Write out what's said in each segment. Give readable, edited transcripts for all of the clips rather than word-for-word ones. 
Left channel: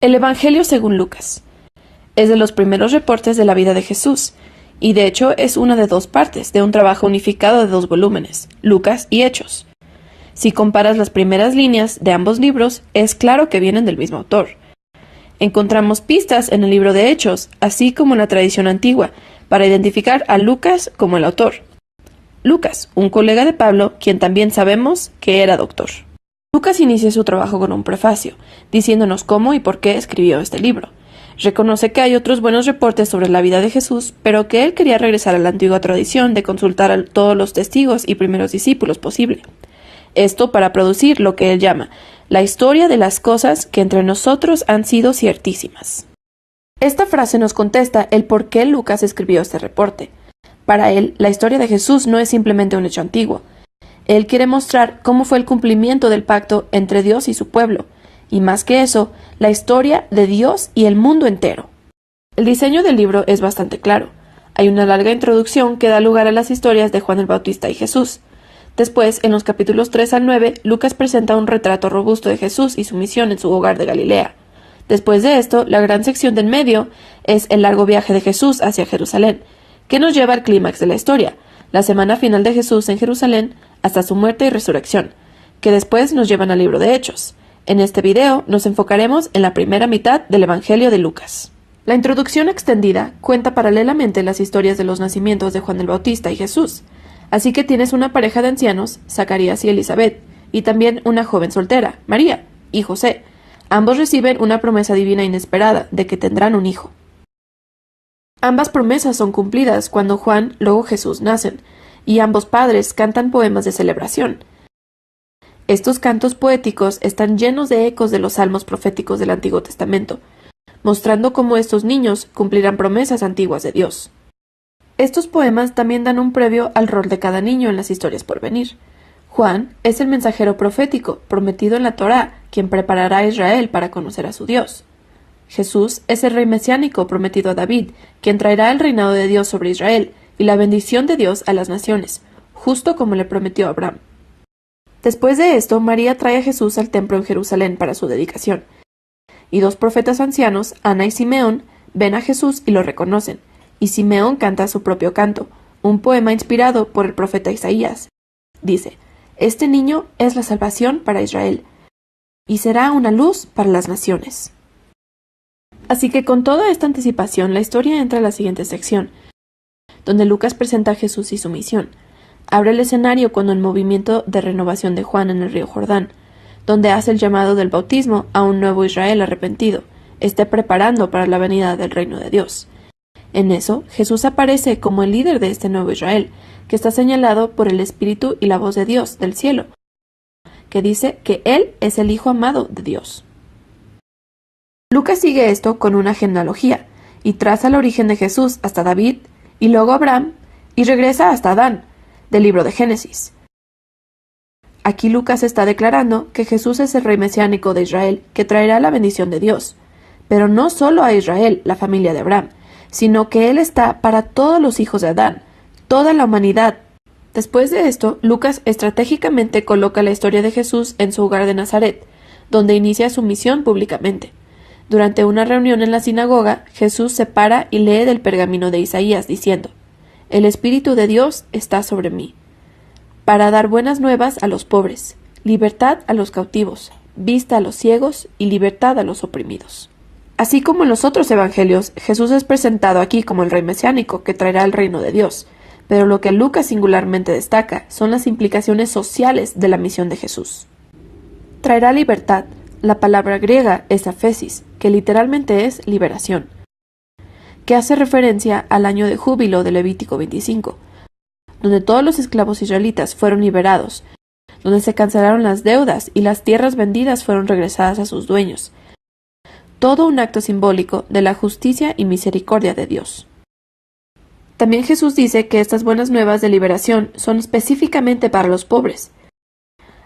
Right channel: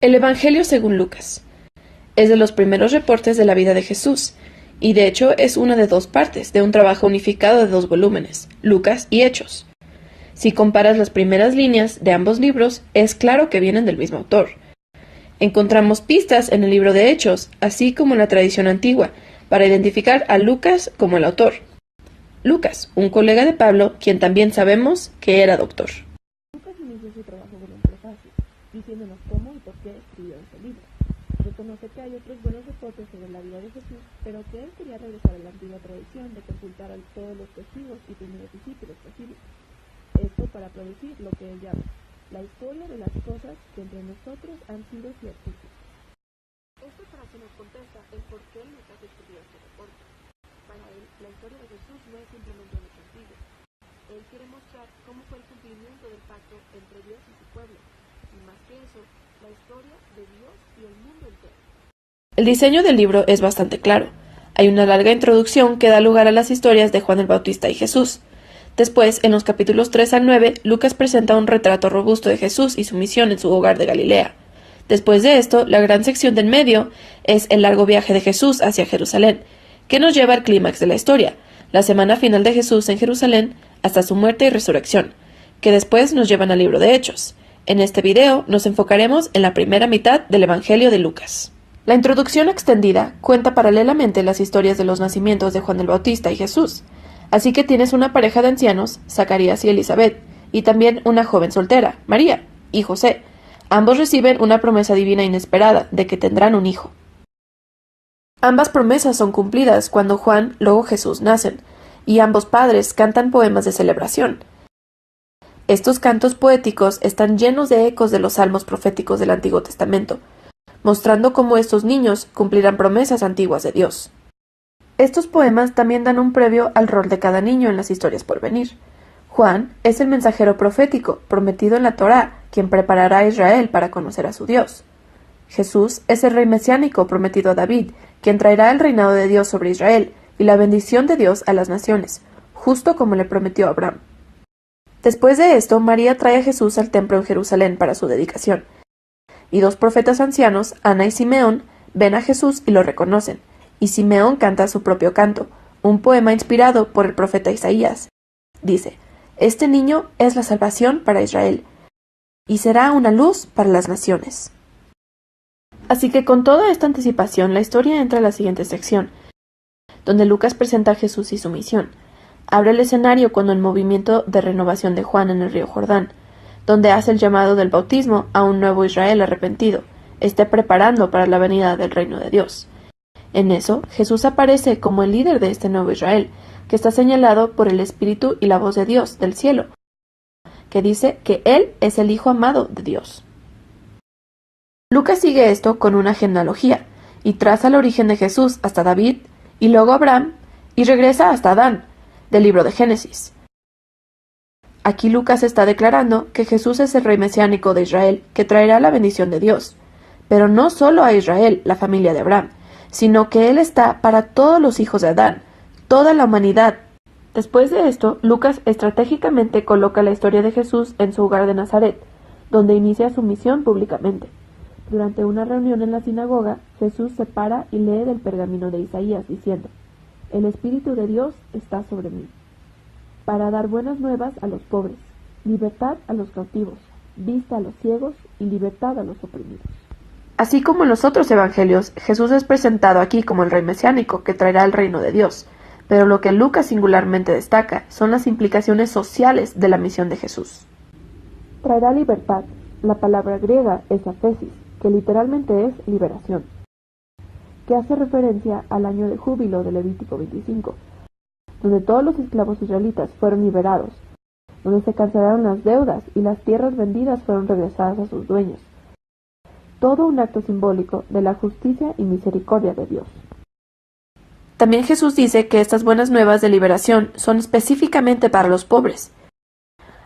El Evangelio según Lucas es de los primeros reportes de la vida de Jesús, y de hecho es una de dos partes de un trabajo unificado de 2 volúmenes, Lucas y Hechos. Si comparas las primeras líneas de ambos libros, es claro que vienen del mismo autor. Encontramos pistas en el libro de Hechos, así como en la tradición antigua, para identificar a Lucas como el autor. Lucas, un colega de Pablo, quien también sabemos que era doctor. Lucas inicia su trabajo con un prefacio, diciéndonos cómo y por qué escribió este libro. Reconoce que hay otros buenos reportes sobre la vida de Jesús, pero que él quería regresar a la antigua tradición de consultar a todos los testigos y primeros discípulos posible. Esto para producir lo que él llama la historia de las cosas que entre nosotros han sido ciertísimas. Esta frase nos contesta el por qué Lucas escribió este reporte. Para él, la historia de Jesús no es simplemente un hecho antiguo. Él quiere mostrar cómo fue el cumplimiento del pacto entre Dios y su pueblo, y más que eso, la historia de Dios y el mundo entero. El diseño del libro es bastante claro. Hay una larga introducción que da lugar a las historias de Juan el Bautista y Jesús. Después, en los capítulos 3 al 9, Lucas presenta un retrato robusto de Jesús y su misión en su hogar de Galilea. Después de esto, la gran sección del medio es el largo viaje de Jesús hacia Jerusalén, que nos lleva al clímax de la historia, la semana final de Jesús en Jerusalén hasta su muerte y resurrección, que después nos llevan al libro de Hechos. En este video nos enfocaremos en la primera mitad del Evangelio de Lucas. La introducción extendida cuenta paralelamente las historias de los nacimientos de Juan el Bautista y Jesús, así que tienes una pareja de ancianos, Zacarías y Elizabeth, y también una joven soltera, María, y José. Ambos reciben una promesa divina inesperada de que tendrán un hijo. Ambas promesas son cumplidas cuando Juan, luego Jesús nacen, y ambos padres cantan poemas de celebración. Estos cantos poéticos están llenos de ecos de los salmos proféticos del Antiguo Testamento, mostrando cómo estos niños cumplirán promesas antiguas de Dios. Estos poemas también dan un previo al rol de cada niño en las historias por venir. Juan es el mensajero profético prometido en la Torá, quien preparará a Israel para conocer a su Dios. Jesús es el rey mesiánico prometido a David, quien traerá el reinado de Dios sobre Israel y la bendición de Dios a las naciones, justo como le prometió a Abraham. Después de esto, María trae a Jesús al templo en Jerusalén para su dedicación, y 2 profetas ancianos, Ana y Simeón, ven a Jesús y lo reconocen, y Simeón canta su propio canto, un poema inspirado por el profeta Isaías. Dice: «Este niño es la salvación para Israel, y será una luz para las naciones». Así que con toda esta anticipación, la historia entra a la siguiente sección, donde Lucas presenta a Jesús y su misión. Abre el escenario cuando el movimiento de renovación de Juan en el río Jordán, donde hace el llamado del bautismo a un nuevo Israel arrepentido, esté preparando para la venida del reino de Dios. En eso, Jesús aparece como el líder de este nuevo Israel, que está señalado por el Espíritu y la voz de Dios del cielo, que dice que Él es el Hijo amado de Dios. Lucas sigue esto con una genealogía, y traza el origen de Jesús hasta David, y luego Abraham, y regresa hasta Adán, del libro de Génesis. Aquí Lucas está declarando que Jesús es el rey mesiánico de Israel, que traerá la bendición de Dios, pero no solo a Israel, la familia de Abraham, sino que Él está para todos los hijos de Adán, toda la humanidad. Después de esto, Lucas estratégicamente coloca la historia de Jesús en su hogar de Nazaret, donde inicia su misión públicamente. Durante una reunión en la sinagoga, Jesús se para y lee del pergamino de Isaías, diciendo: «El Espíritu de Dios está sobre mí, para dar buenas nuevas a los pobres, libertad a los cautivos, vista a los ciegos y libertad a los oprimidos». Así como en los otros evangelios, Jesús es presentado aquí como el rey mesiánico que traerá el reino de Dios, pero lo que Lucas singularmente destaca son las implicaciones sociales de la misión de Jesús. Traerá libertad. La palabra griega es aphesis, que literalmente es liberación, que hace referencia al año de júbilo de Levítico 25, donde todos los esclavos israelitas fueron liberados, donde se cancelaron las deudas y las tierras vendidas fueron regresadas a sus dueños. Todo un acto simbólico de la justicia y misericordia de Dios. También Jesús dice que estas buenas nuevas de liberación son específicamente para los pobres.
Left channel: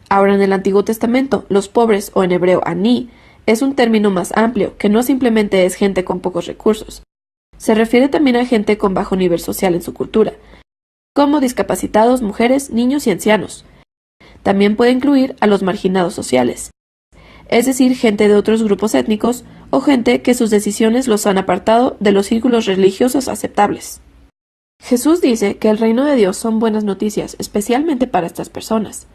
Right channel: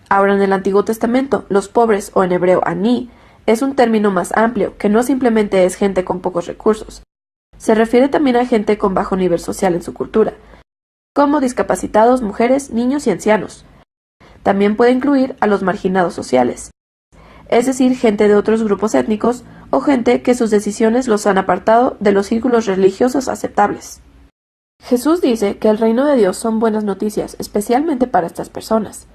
Ahora, en el Antiguo Testamento, los pobres, o en hebreo aní, es un término más amplio, que no simplemente es gente con pocos recursos. Se refiere también a gente con bajo nivel social en su cultura, como discapacitados, mujeres, niños y ancianos. También puede incluir a los marginados sociales. es decir, gente de otros grupos étnicos o gente que sus decisiones los han apartado de los círculos religiosos aceptables. Jesús dice que el reino de Dios son buenas noticias, especialmente para estas personas.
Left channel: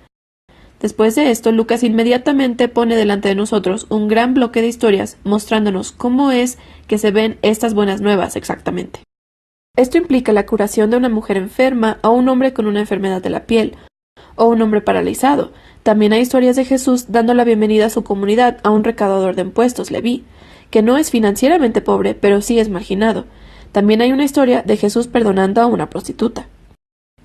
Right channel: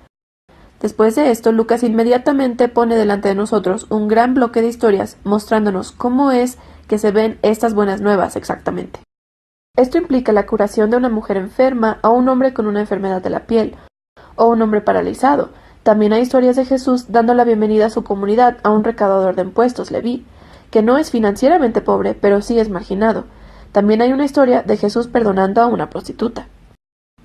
Después de esto, Lucas inmediatamente pone delante de nosotros un gran bloque de historias mostrándonos cómo es que se ven estas buenas nuevas exactamente. Esto implica la curación de una mujer enferma o un hombre con una enfermedad de la piel, o un hombre paralizado. También hay historias de Jesús dando la bienvenida a su comunidad a un recaudador de impuestos, Leví, que no es financieramente pobre, pero sí es marginado. También hay una historia de Jesús perdonando a una prostituta.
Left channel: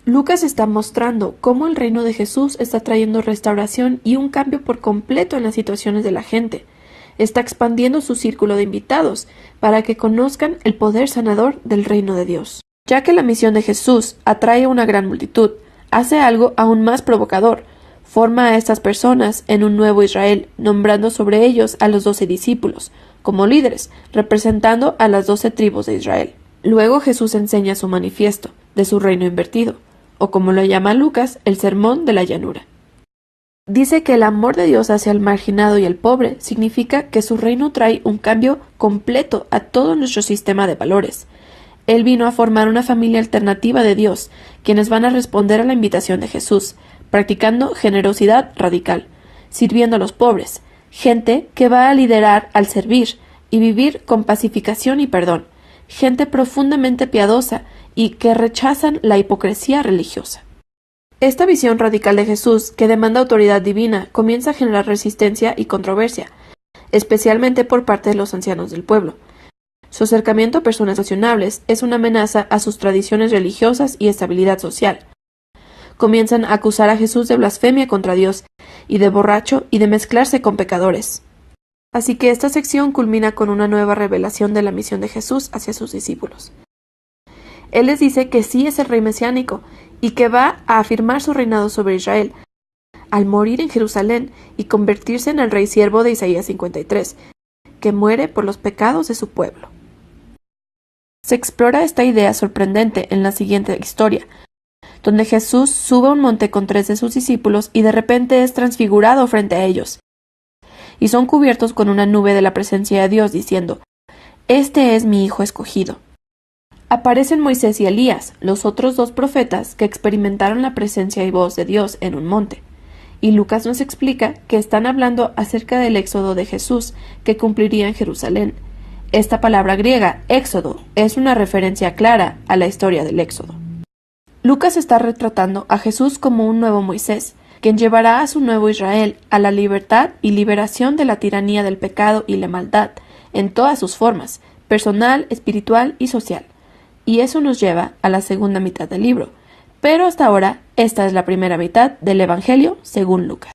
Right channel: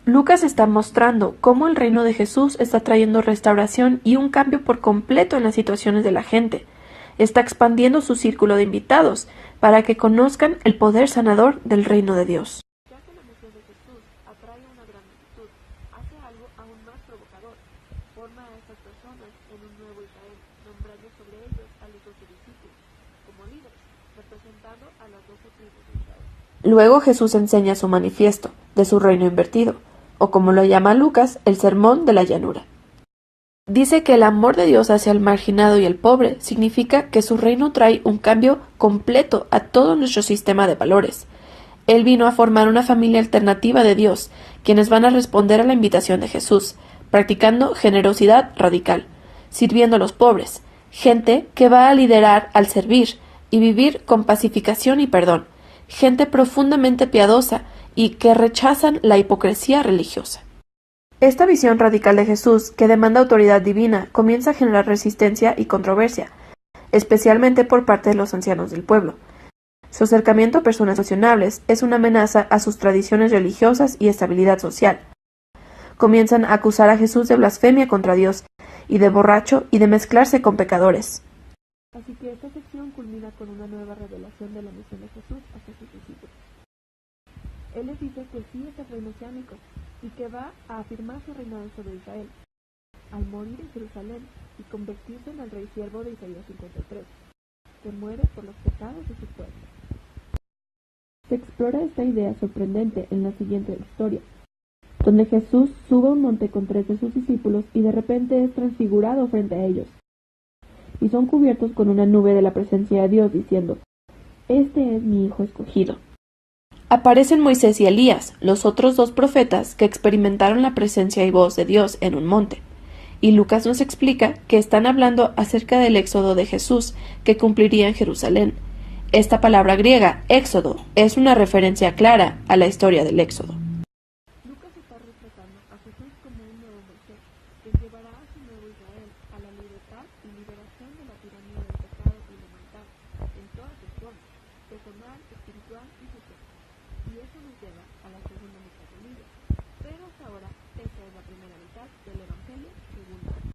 Lucas está mostrando cómo el reino de Jesús está trayendo restauración y un cambio por completo en las situaciones de la gente. Está expandiendo su círculo de invitados para que conozcan el poder sanador del reino de Dios. Ya que la misión de Jesús atrae a una gran multitud, hace algo aún más provocador. Forma a estas personas en un nuevo Israel, nombrando sobre ellos a los 12 discípulos, como líderes, representando a las 12 tribus de Israel. Luego Jesús enseña su manifiesto, de su reino invertido, o como lo llama Lucas, el sermón de la llanura. Dice que el amor de Dios hacia el marginado y el pobre significa que su reino trae un cambio completo a todo nuestro sistema de valores. Él vino a formar una familia alternativa de Dios, quienes van a responder a la invitación de Jesús, practicando generosidad radical, sirviendo a los pobres, gente que va a liderar al servir y vivir con pacificación y perdón, gente profundamente piadosa y que rechazan la hipocresía religiosa. Esta visión radical de Jesús, que demanda autoridad divina, comienza a generar resistencia y controversia, especialmente por parte de los ancianos del pueblo. Su acercamiento a personas cuestionables es una amenaza a sus tradiciones religiosas y estabilidad social. Comienzan a acusar a Jesús de blasfemia contra Dios y de borracho y de mezclarse con pecadores. Así que esta sección culmina con una nueva revelación de la misión de Jesús hacia sus discípulos. Él les dice que sí es el rey mesiánico y que va a afirmar su reinado sobre Israel, al morir en Jerusalén y convertirse en el rey siervo de Isaías 53, que muere por los pecados de su pueblo. Se explora esta idea sorprendente en la siguiente historia, donde Jesús sube a un monte con 3 de sus discípulos y de repente es transfigurado frente a ellos, y son cubiertos con una nube de la presencia de Dios, diciendo: «Este es mi Hijo escogido». Aparecen Moisés y Elías, los otros 2 profetas que experimentaron la presencia y voz de Dios en un monte. Y Lucas nos explica que están hablando acerca del éxodo de Jesús que cumpliría en Jerusalén. Esta palabra griega, éxodo, es una referencia clara a la historia del éxodo. Lucas está retratando a Jesús como un nuevo Moisés, quien llevará a su nuevo Israel a la libertad y liberación de la tiranía del pecado y la maldad, en todas sus formas, personal, espiritual y social. Y eso nos lleva a la segunda mitad del libro. Pero hasta ahora, esta es la primera mitad del Evangelio según Lucas.